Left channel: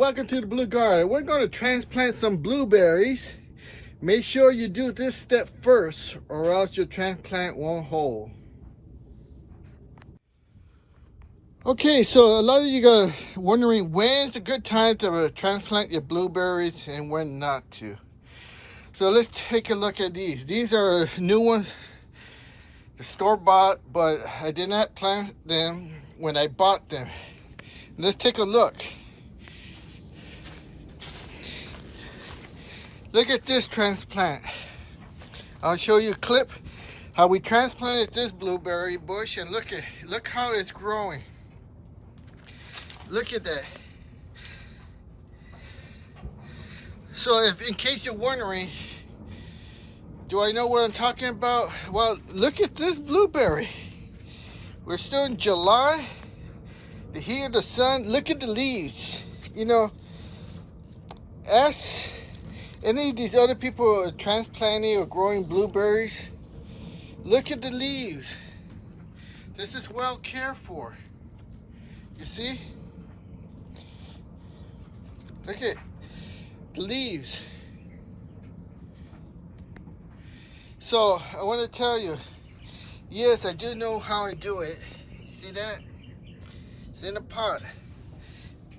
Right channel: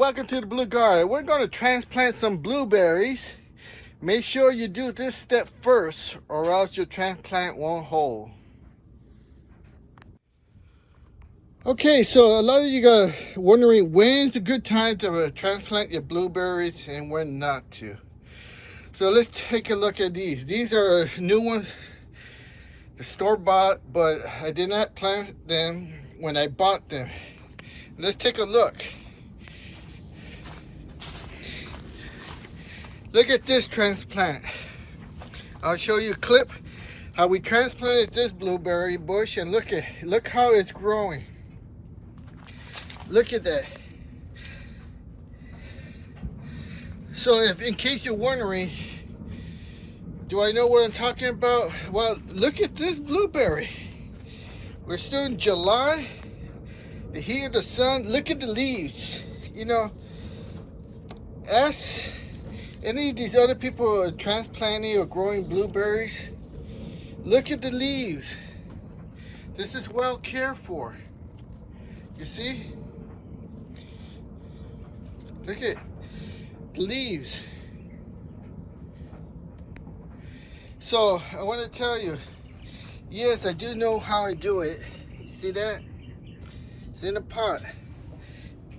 welcome to the Blue Garden. We're going to transplant some blueberries. Make sure you do this step first or else your transplant won't hold. Okay, so a lot of you are wondering when's a good time to transplant your blueberries and when not to. So let's take a look at these. These are new ones, the store-bought, but I did not plant them when I bought them. Let's take a look. Look at this transplant. I'll show you a clip how we transplanted this blueberry bush, and look how it's growing. Look at that. So if in case you're wondering, do I know what I'm talking about? Well, look at this blueberry. We're still in July. The heat of the sun, look at the leaves. You know, ask any of these other people who are transplanting or growing blueberries, look at the leaves. This is well cared for. You see? Look at the leaves. So I want to tell you, yes, I do know how I do it. See that? It's in a pot.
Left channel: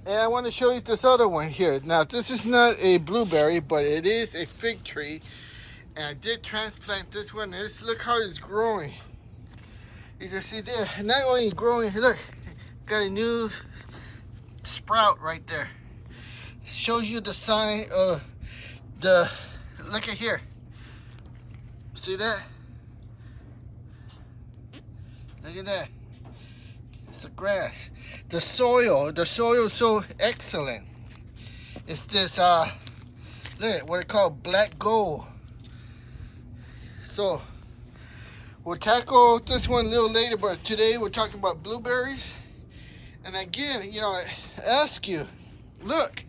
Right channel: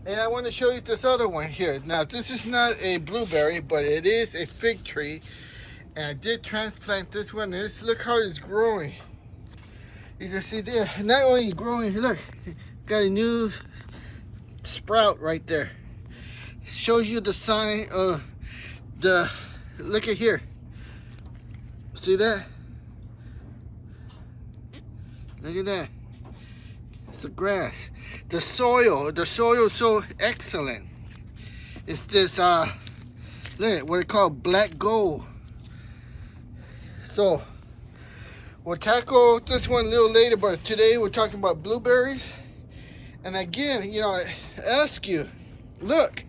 And I want to show you this other one here. Now, this is not a blueberry, but it is a fig tree. And I did transplant this one. And look how it's growing. You can see there, not only growing, look, got a new sprout right there. Shows you the sign of the, look at here. See that? Look at that. It's the grass. The soil is so excellent. It's this, look, what they call black gold. So, we'll tackle this one a little later, but today we're talking about blueberries. And again, you know, I ask you, look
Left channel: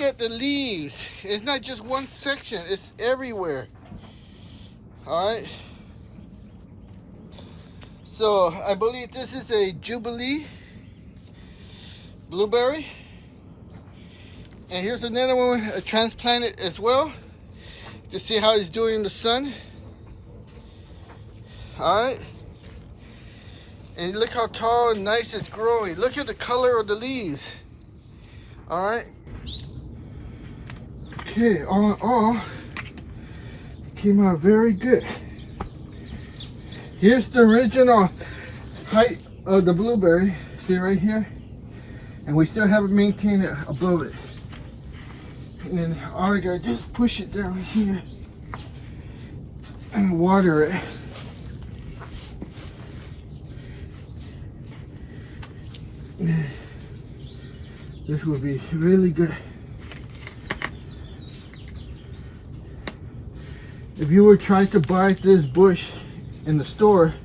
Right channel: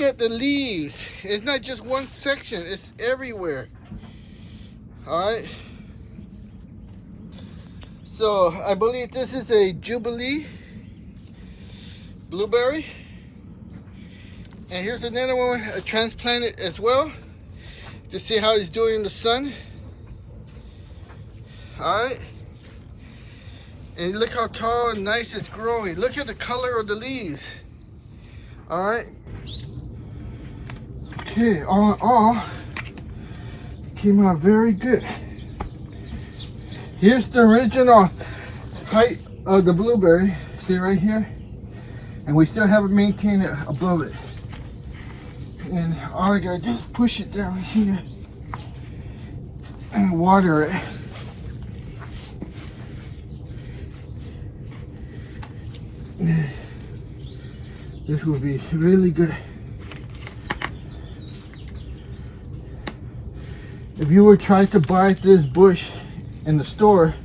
at the leaves. It's not just one section, it's everywhere. All right. So, I believe this is a Jubilee blueberry, and here's another one I transplanted as well to see how he's doing in the sun. All right, and look how tall and nice it's growing. Look at the color of the leaves. All right, okay, all in all, came out very good. Here's the original height of the blueberry. See right here? And we still haven't maintained it above it. And all I gotta do is push it down here and water it. This will be really good. If you were trying to buy this bush in the store,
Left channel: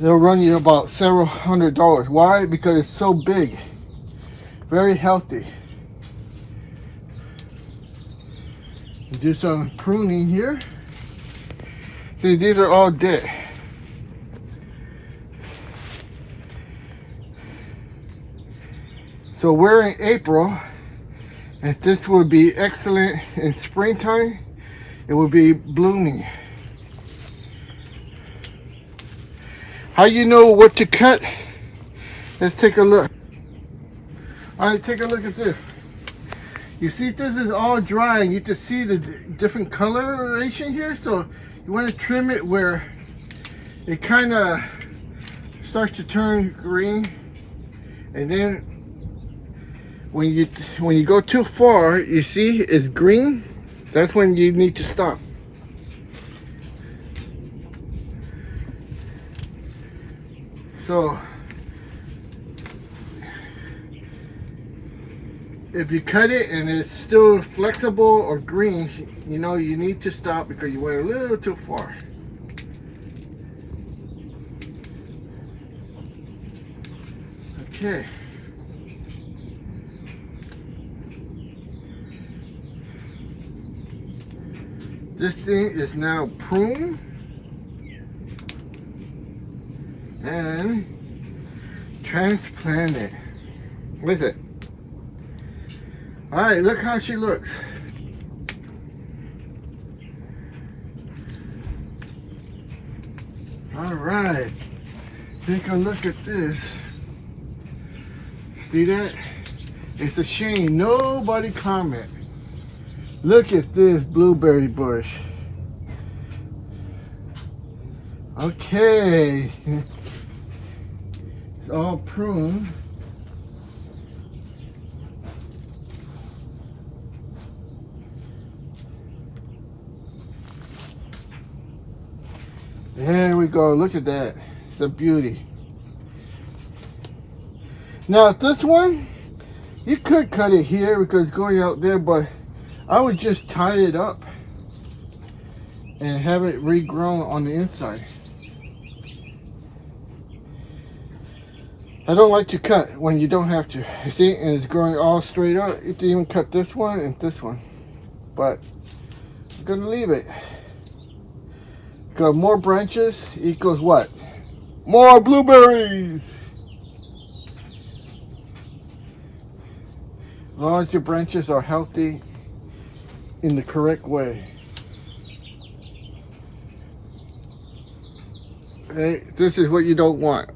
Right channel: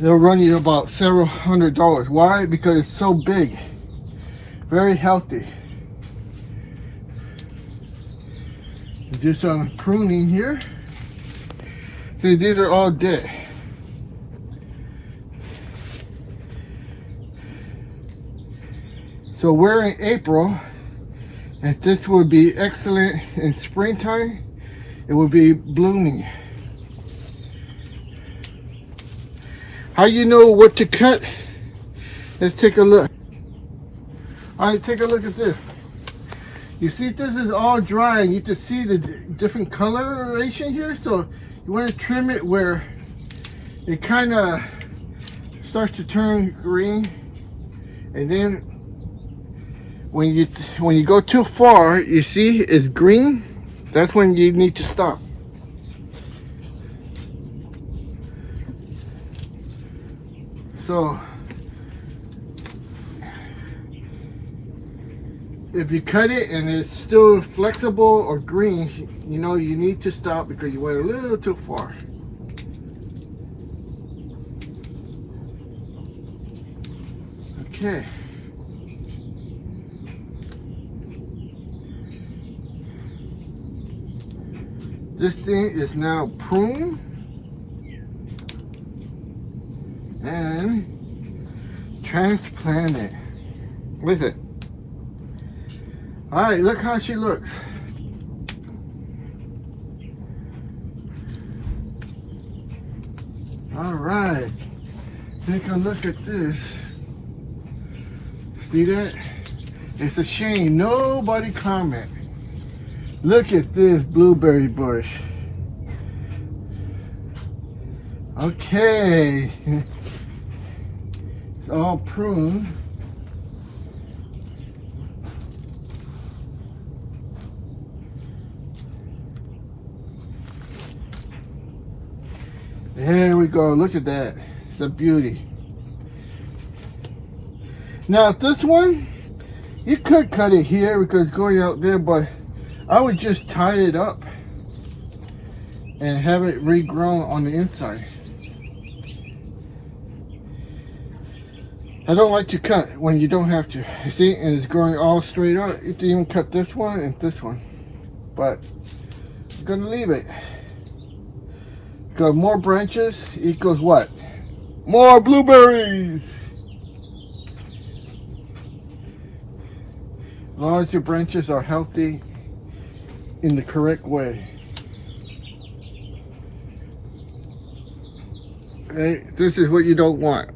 they'll run you about several $100s. Why? Because it's so big. Very healthy. Do some pruning here. See, these are all dead. So we're in April, and this would be excellent in springtime. It will be blooming. How you know what to cut? Let's take a look. All right, take a look at this. You see, this is all dry, and you can see the different coloration here. So you want to trim it where it kind of starts to turn green, and then when you go too far, you see it's green. That's when you need to stop. So if you cut it and it's still flexible or green, you know you need to stop because you went a little too far. Okay. This thing is now pruned and transplanted. Look at it. All right, look how she looks. All right, take a look at this. See that? It's a shame nobody comment. Look at this blueberry bush. Okay, it's all pruned. There we go, look at that. It's a beauty. Now this one, you could cut it here because it's going out there, but I would just tie it up and have it regrown on the inside. I don't like to cut when you don't have to. You see, and it's growing all straight out. You can even cut this one and this one. But I'm gonna leave it. Because more branches equals what? More blueberries! As long as your branches are healthy in the correct way. Okay, this is what you don't want.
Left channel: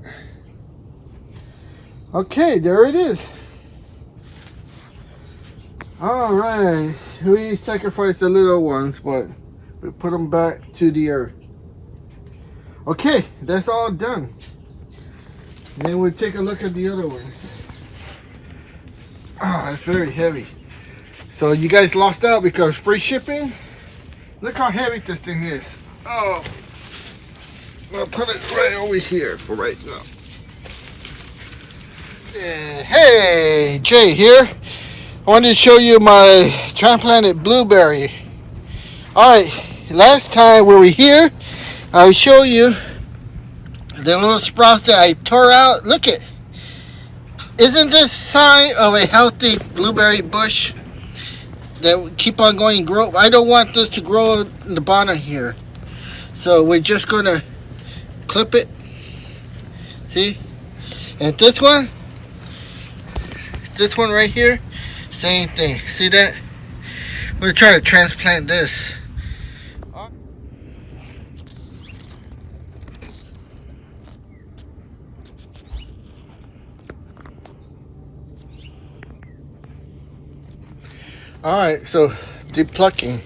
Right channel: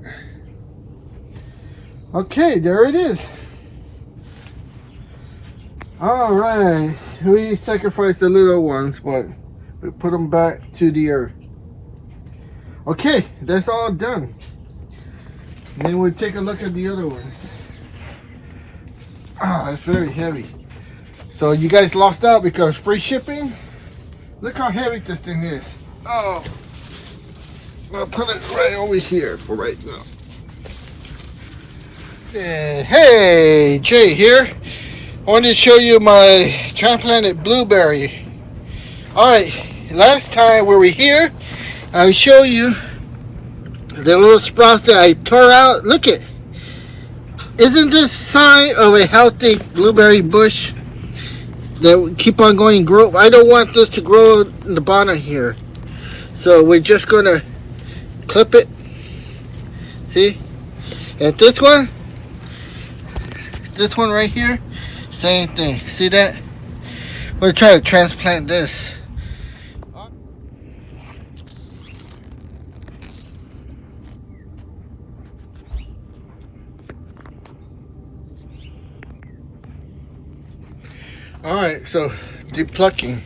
Okay, there it is. All right, we sacrificed the little ones, but we put them back to the earth. Okay, that's all done. Then we'll take a look at the other ones. Ah, it's very heavy. So you guys lost out because free shipping. Look how heavy this thing is. Oh, I'll put it right over here for right now. Hey, Jay here. I wanted to show you my transplanted blueberry. Alright, last time we were here, I'll show you the little sprouts that I tore out. Look it. Isn't this sign of a healthy blueberry bush that will keep on going and grow? I don't want this to grow in the bottom here. So we're just going to clip it. See? And this one right here, same thing. See that? We're going to try to transplant this. Alright, so depulking.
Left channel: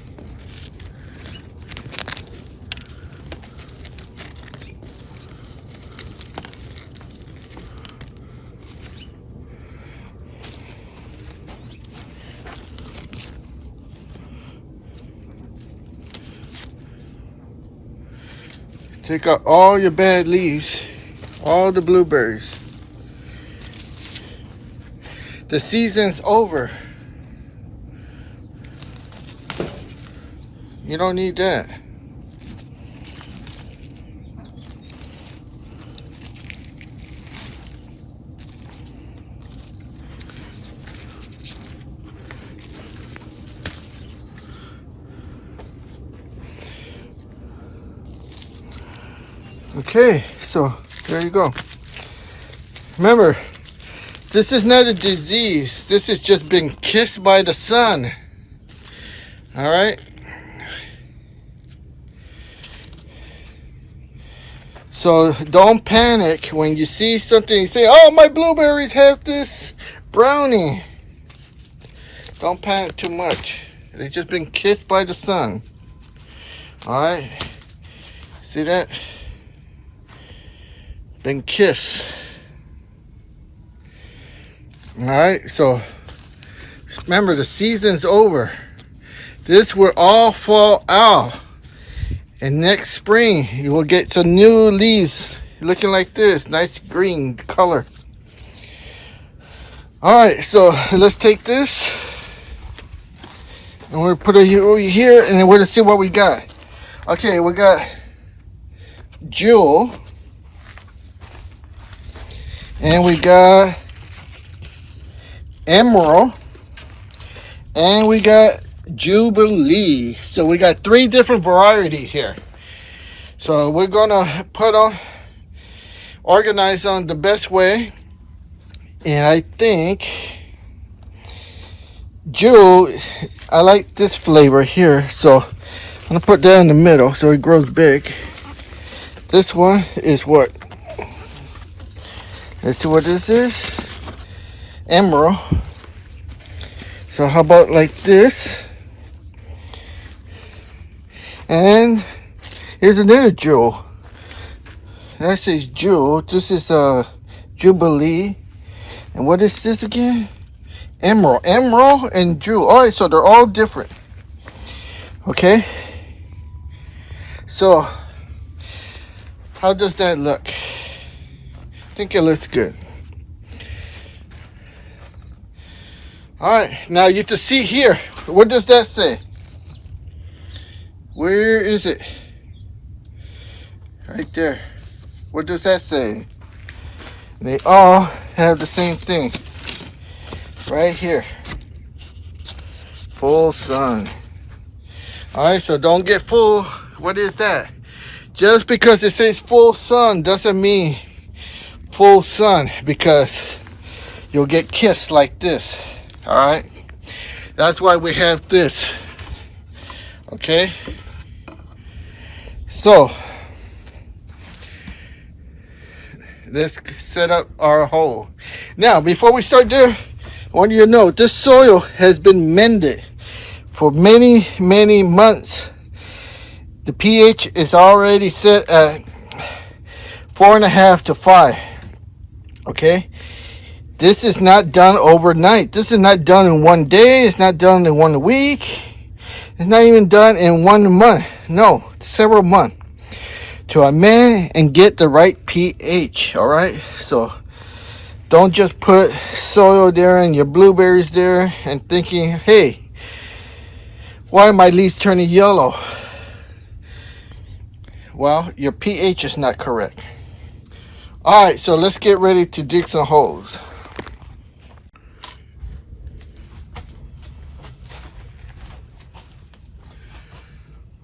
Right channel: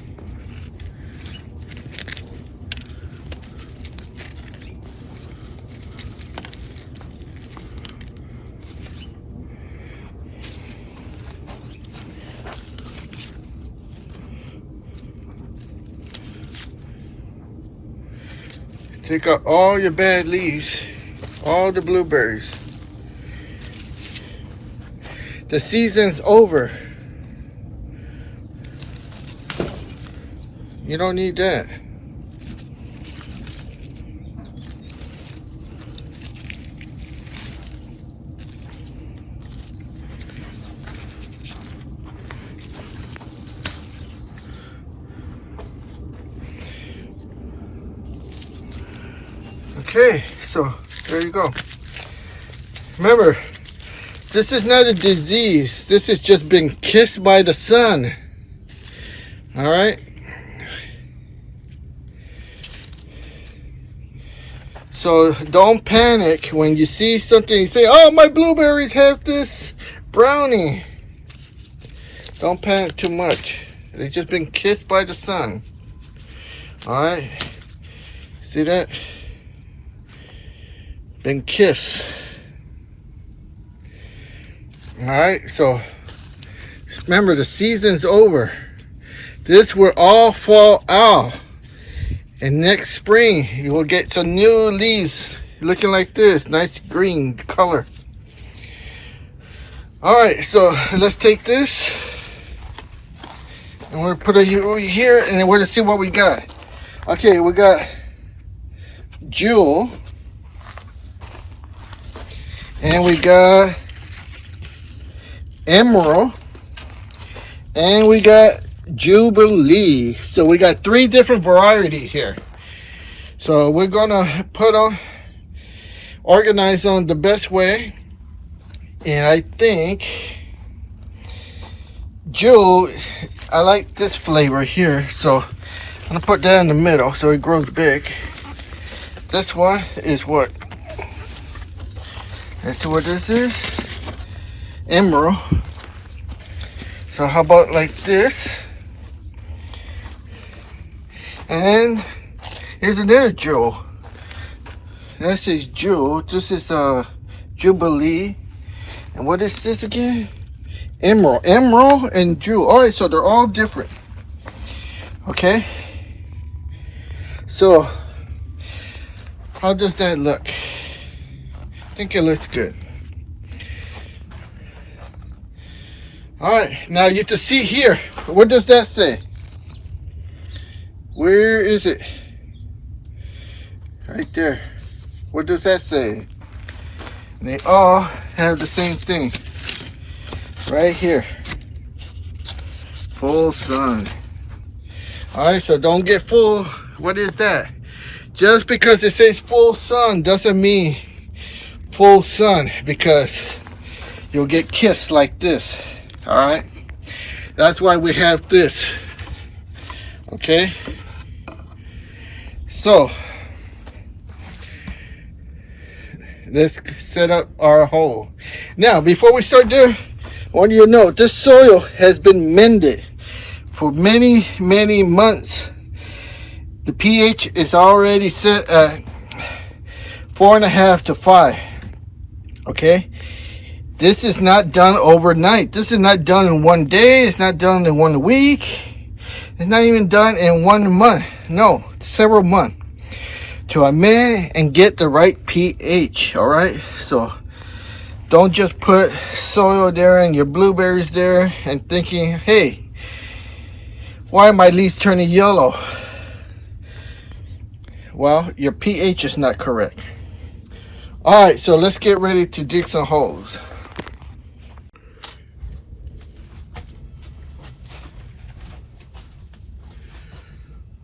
Take out all your bad leaves, all the blueberries. The season's over. You don't need that. Okay, so there you go. Remember, this is not a disease. This has just been kissed by the sun. All right. So don't panic when you see something. You say, "Oh, my blueberries have this brownie." Don't panic too much. They've just been kissed by the sun. All right. See that? Been kissed. All right. So remember, the season's over. This will all fall out. And next spring, you will get some new leaves looking like this. Nice green color. Alright, so let's take this. And we'll put it over here. And then we're going to see what we got. Okay, we got Jewel. And we got Emerald. And we got Jubilee. So we got 3 different varieties here. So we're gonna organize them the best way. And I think jewel, I like this flavor here, so I'm gonna put that in the middle so it grows big. This one is what? Let's see what this is. Emerald. So how about like this? And here's another jewel. That says jewel. This is Jubilee. And what is this again? Emerald. Emerald and jewel. Alright, so they're all different. Okay. So how does that look? I think it looks good. Alright, now you can see here. What does that say? Where is it? Right there. What does that say? They all have the same thing. Right here. Full sun. Alright, so don't get fooled. What is that? Just because it says full sun doesn't mean full sun, because you'll get kissed like this. Alright? That's why we have this. Okay? So let's set up our hole. Now, before we start there, I want you to know this soil has been mended for many, many months. The pH is already set at 4.5 to 5. Okay? This is not done overnight. This is not done in one day. It's not done in 1 week. It's not even done in 1 month. No, several months to amend and get the right pH. All right, so don't just put soil there and your blueberries there and thinking, hey, why are my leaves turning yellow? Well, your pH is not correct. All right, so let's get ready to dig some holes.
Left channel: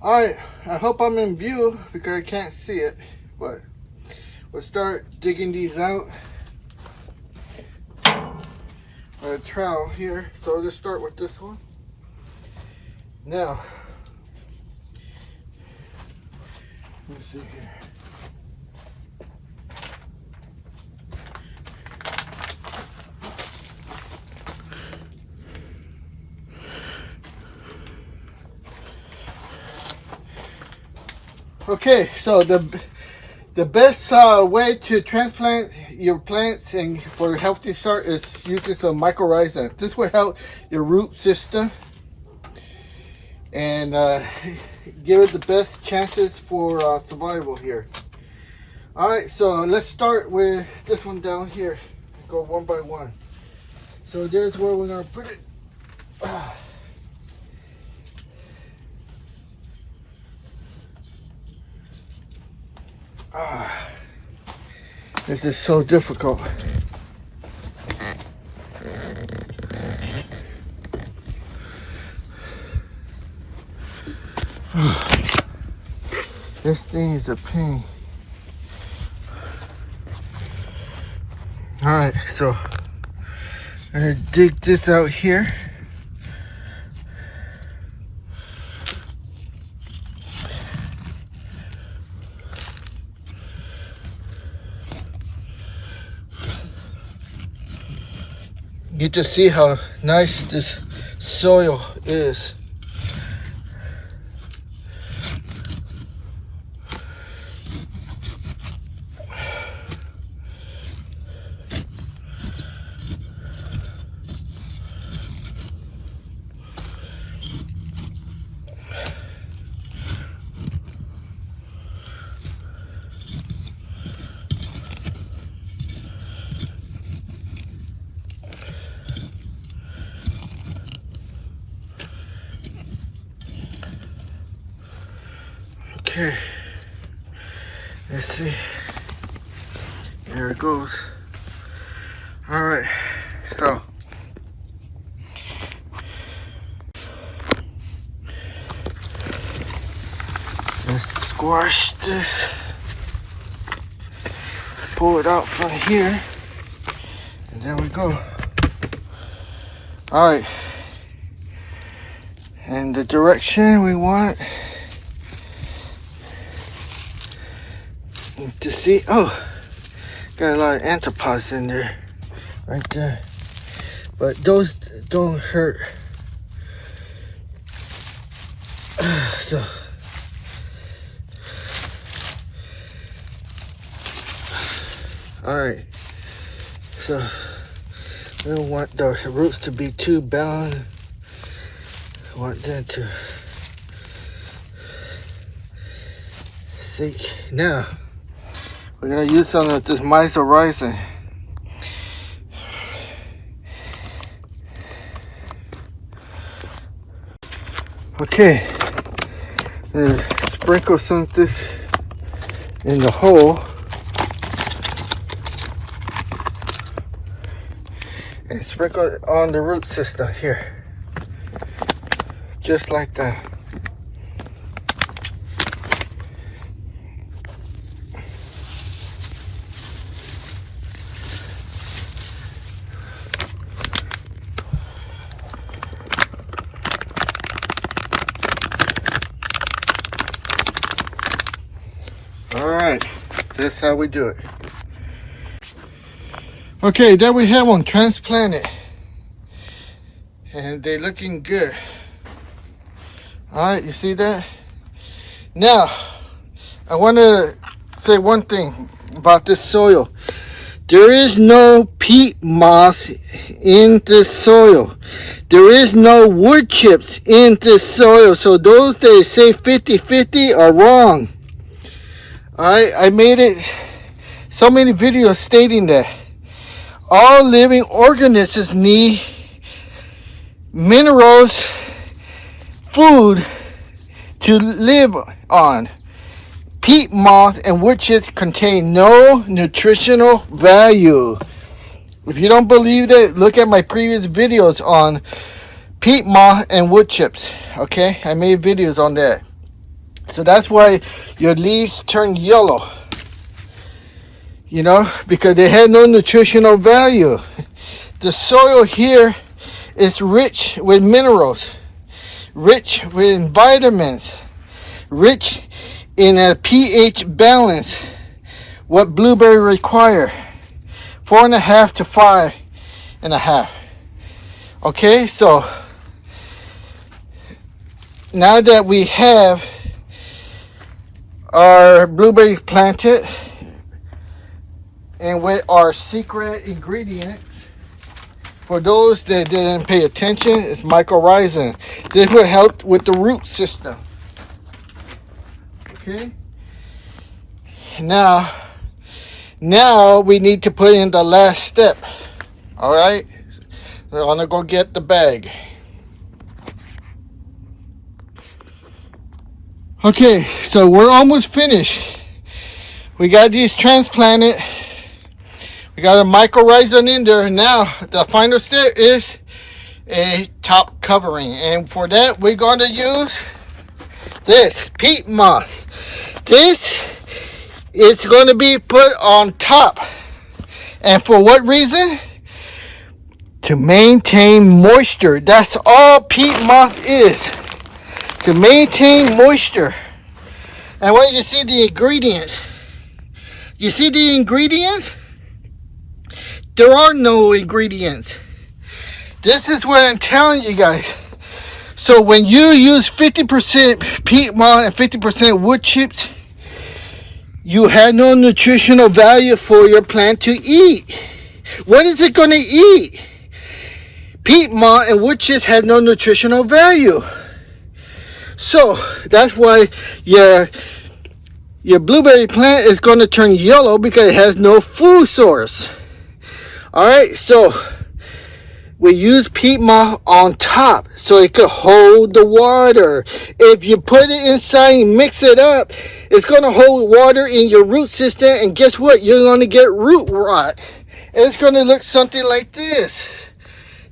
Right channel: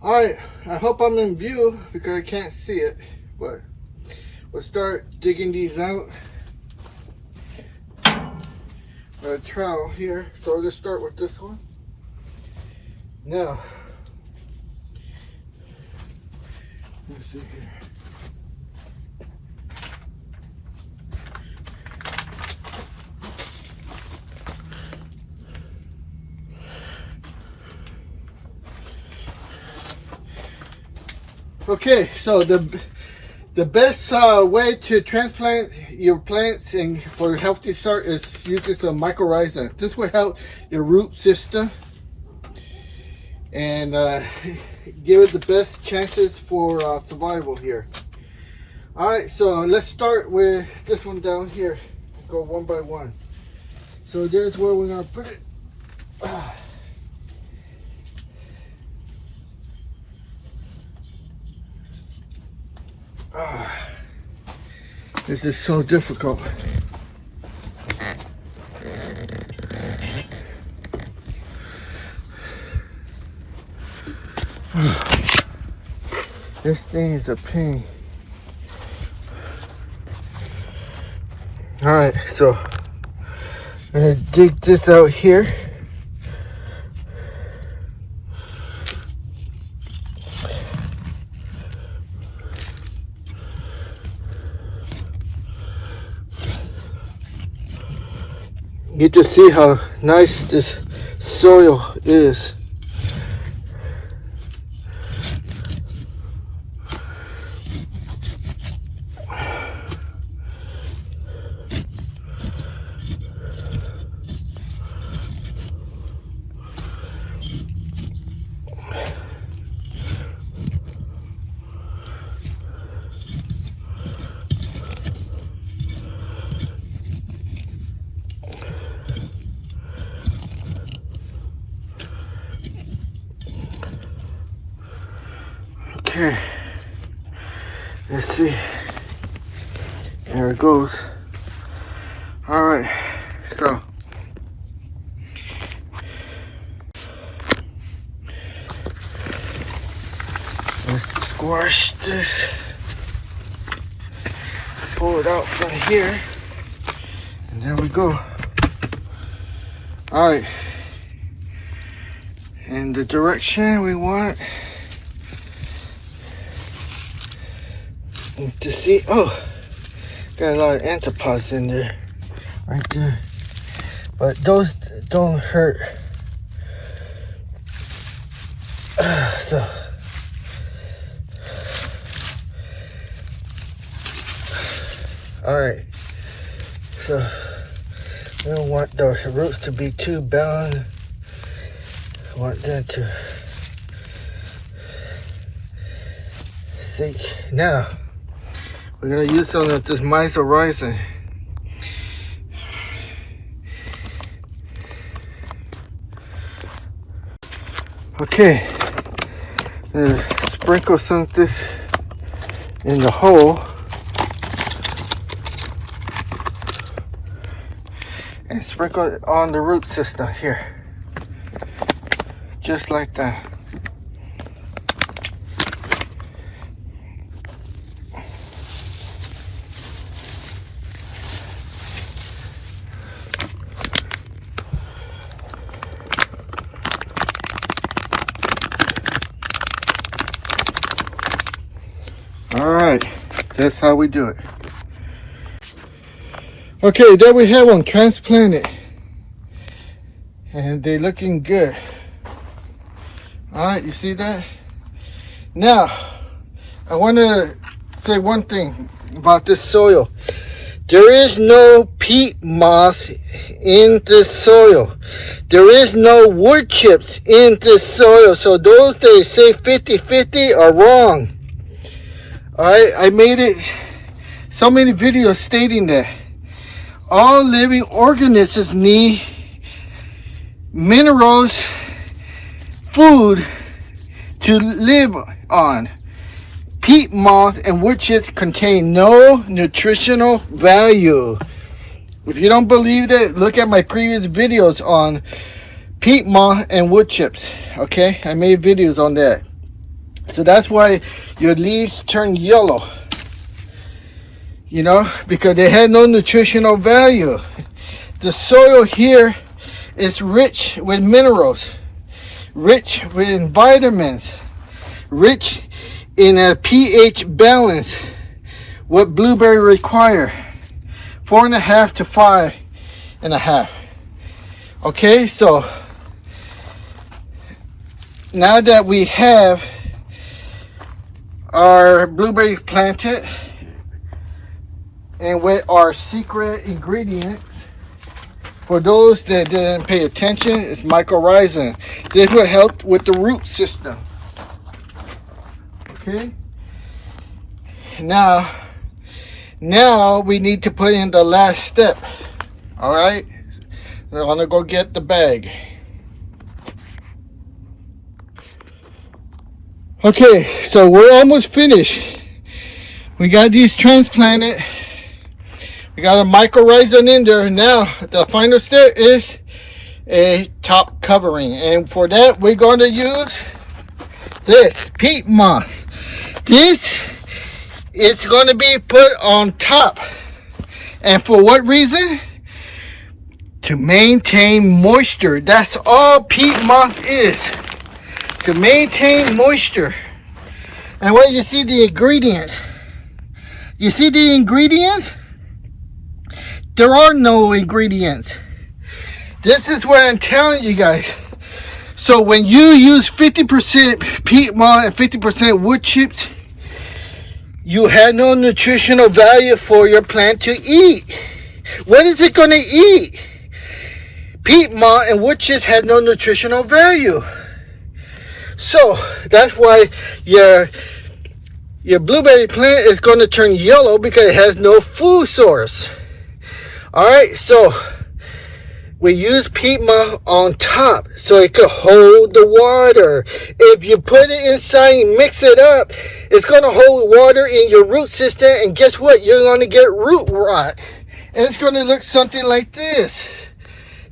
Alright, I hope I'm in view because I can't see it, but we'll start digging these out. A trowel here, so let's start with this one. Now, let's see here. Okay, so the best way to transplant your plants and for a healthy start is using some mycorrhiza. This will help your root system and give it the best chances for survival here. Alright, so let's start with this one down here. Go one by one. So there's where we're going to put it. This is so difficult. This thing is a pain. Alright, so I'm going to dig this out here. You can see how nice this soil is. Okay, let's see. There it goes. All right, so let's squash this. Pull it out from here, and there we go. All right, in the direction we want to see. Oh, got a lot of anthropods in there, right there. But those don't hurt. So, all right. So we don't want the roots to be too bound. We want them to sink. Now we're gonna use some of this mycorrhizal. Okay, sprinkle some of this in the hole and sprinkle it on the root system here, just like that. Alright, that's how we do it. Okay, there we have one transplanted. And they're looking good. Alright, you see that? Now, I want to say one thing about this soil. There is no peat moss in this soil. There is no wood chips in this soil. So those that say 50-50 are wrong. I made it so many videos stating that all living organisms need minerals, food to live on. Peat moss and wood chips contain no nutritional value. If you don't believe that, look at my previous videos on peat moss and wood chips. Okay, I made videos on that. So that's why your leaves turn yellow, you know, because they have no nutritional value. The soil here is rich with minerals, rich with vitamins, rich in a pH balance, what blueberry require, 4.5 to 5.5. Okay, so now that we have our blueberries planted and with our secret ingredient, for those that didn't pay attention, it's mycorrhizal. This will help with the root system. Okay, now we need to put in the last step. All right, we're gonna go get the bag. Okay, so we're almost finished. We got these transplanted. We got a mycorrhizal in there. Now the final step is a top covering, and for that we're going to use this peat moss. This is going to be put on top, and for what reason? To maintain moisture. That's all peat moss is, to maintain moisture. And when you see the ingredients, you see the ingredients? There are no ingredients. This is what I'm telling you guys. So when you use 50% peat moss and 50% wood chips, you have no nutritional value for your plant to eat. What is it going to eat? Peat moss and wood chips have no nutritional value. So that's why your blueberry plant is going to turn yellow, because it has no food source. All right, so we use peat moss on top so it could hold the water. If you put it inside and mix it up, it's going to hold water in your root system, and guess what? You're going to get root rot. And it's going to look something like this.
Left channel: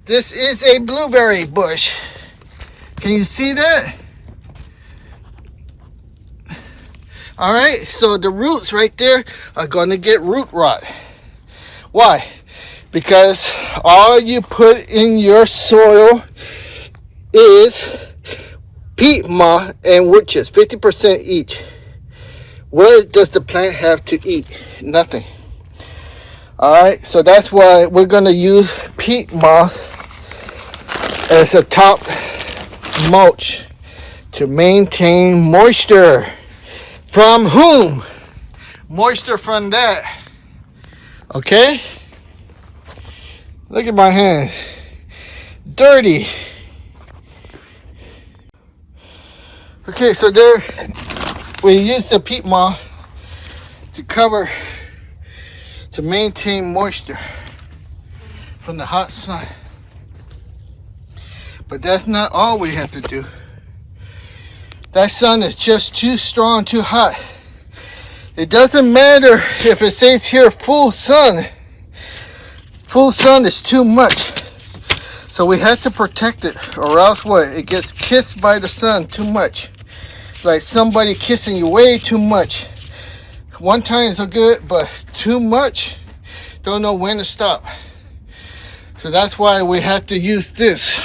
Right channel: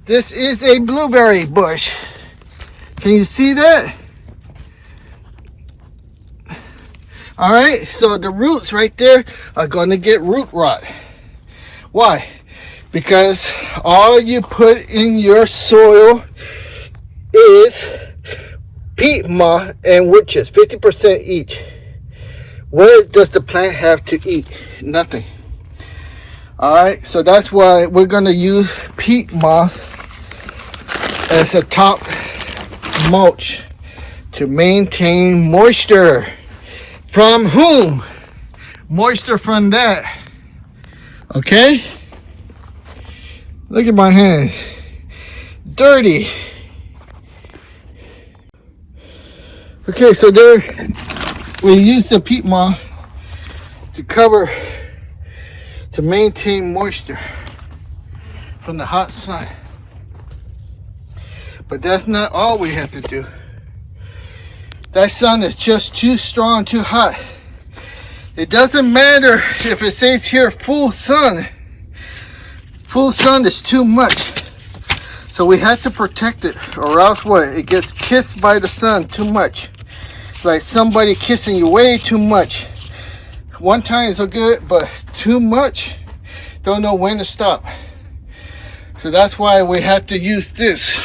This is a blueberry bush. Can you see that? All right, so the roots right there are going to get root rot. Why? Because all you put in your soil is peat moss and witches, 50% each. What does the plant have to eat? Nothing. Alright, so that's why we're going to use peat moss as a top mulch to maintain moisture. From whom? Moisture from that. Okay? Look at my hands. Dirty. Okay, so there we use the peat moss to cover, to maintain moisture from the hot sun. But that's not all we have to do. That sun is just too strong, too hot. It doesn't matter if it says here full sun. Full sun is too much. So we have to protect it, or else what? It gets kissed by the sun too much. It's like somebody kissing you way too much. One time is so good, but too much, don't know when to stop. So that's why we have to use this.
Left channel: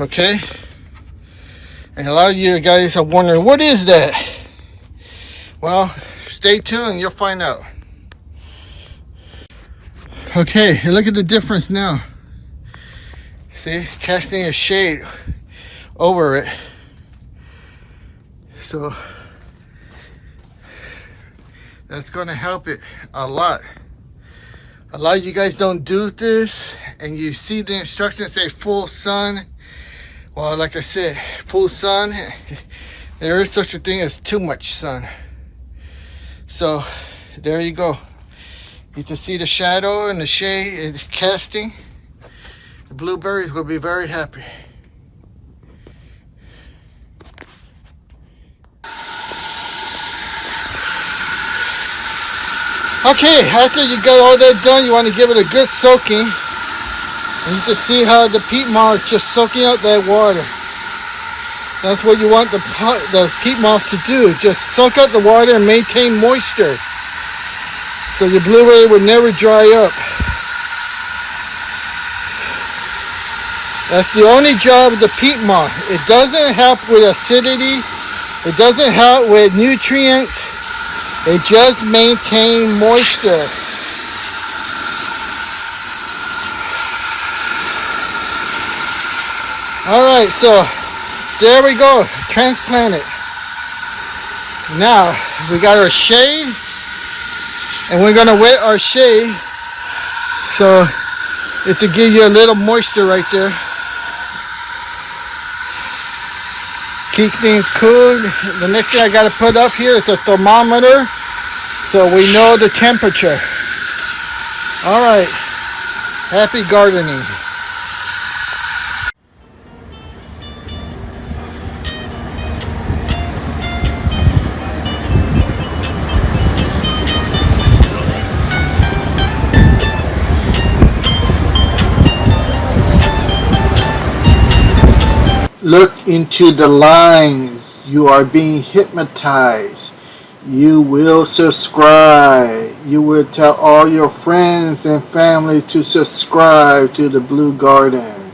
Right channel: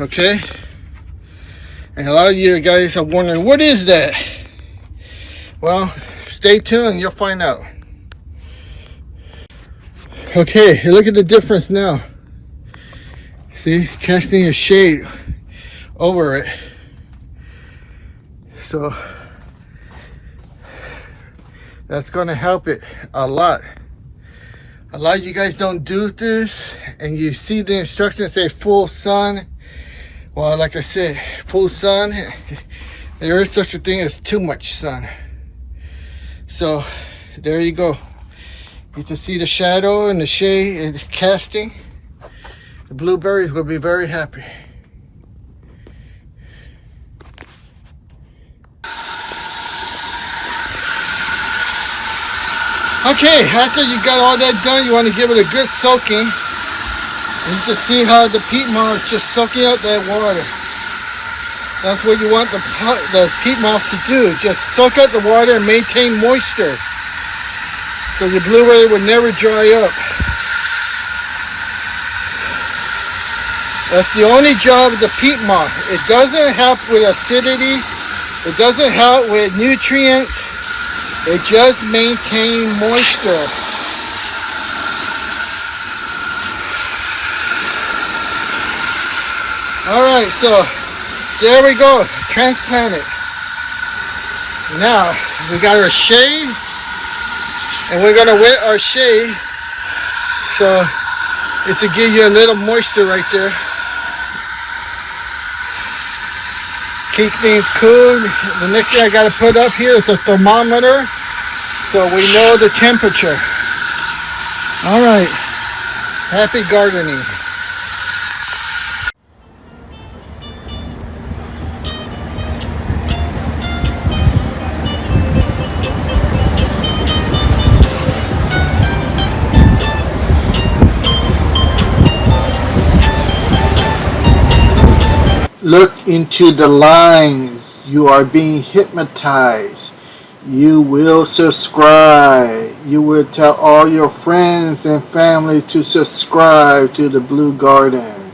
Okay? And a lot of you guys are wondering, what is that? Well, stay tuned, you'll find out. Okay, look at the difference now. See, casting a shade over it. So that's gonna help it a lot. A lot of you guys don't do this, and you see the instructions say full sun. Well, like I said, full sun, there is such a thing as too much sun. So there you go. You can see the shadow and the shade is casting. The blueberries will be very happy. Okay, after you got all that done, you want to give it a good soaking. And you can see how the peat moss is just soaking up that water. That's what you want the peat moss to do, is just soak up the water and maintain moisture. So the blueberry would never dry up. That's the only job of the peat moss. It doesn't help with acidity. It doesn't help with nutrients. It just maintains moisture. Alright, so there we go. Transplant it. Now, we got our shade. And we're going to wet our shade. So, it's to give you a little moisture right there. Keep things cool. The next thing I got to put up here is a thermometer, so we know the temperature. All right, happy gardening. Look into the lines. You are being hypnotized. You will subscribe. You will tell all your friends and family to subscribe to the Blue Garden.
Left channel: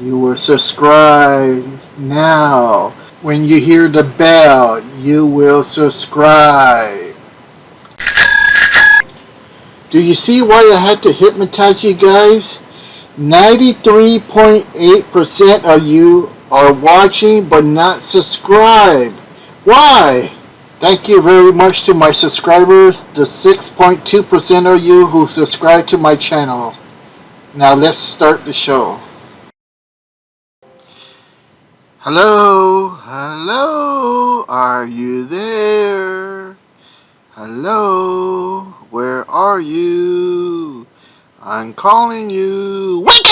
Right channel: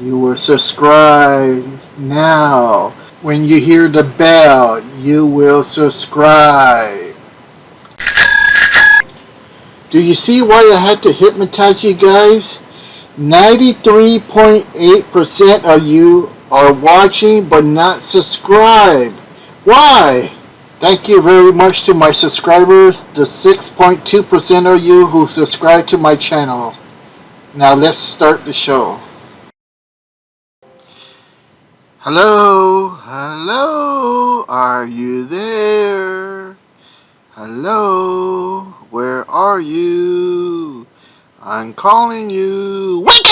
You will subscribe now. When you hear the bell, you will subscribe. Do you see why I had to hypnotize you guys? 93.8% of you are watching but not subscribed. Why? Thank you very much to my subscribers, the 6.2% of you who subscribe to my channel. Now let's start the show. Hello, hello, are you there? Hello, where are you? I'm calling you. Wake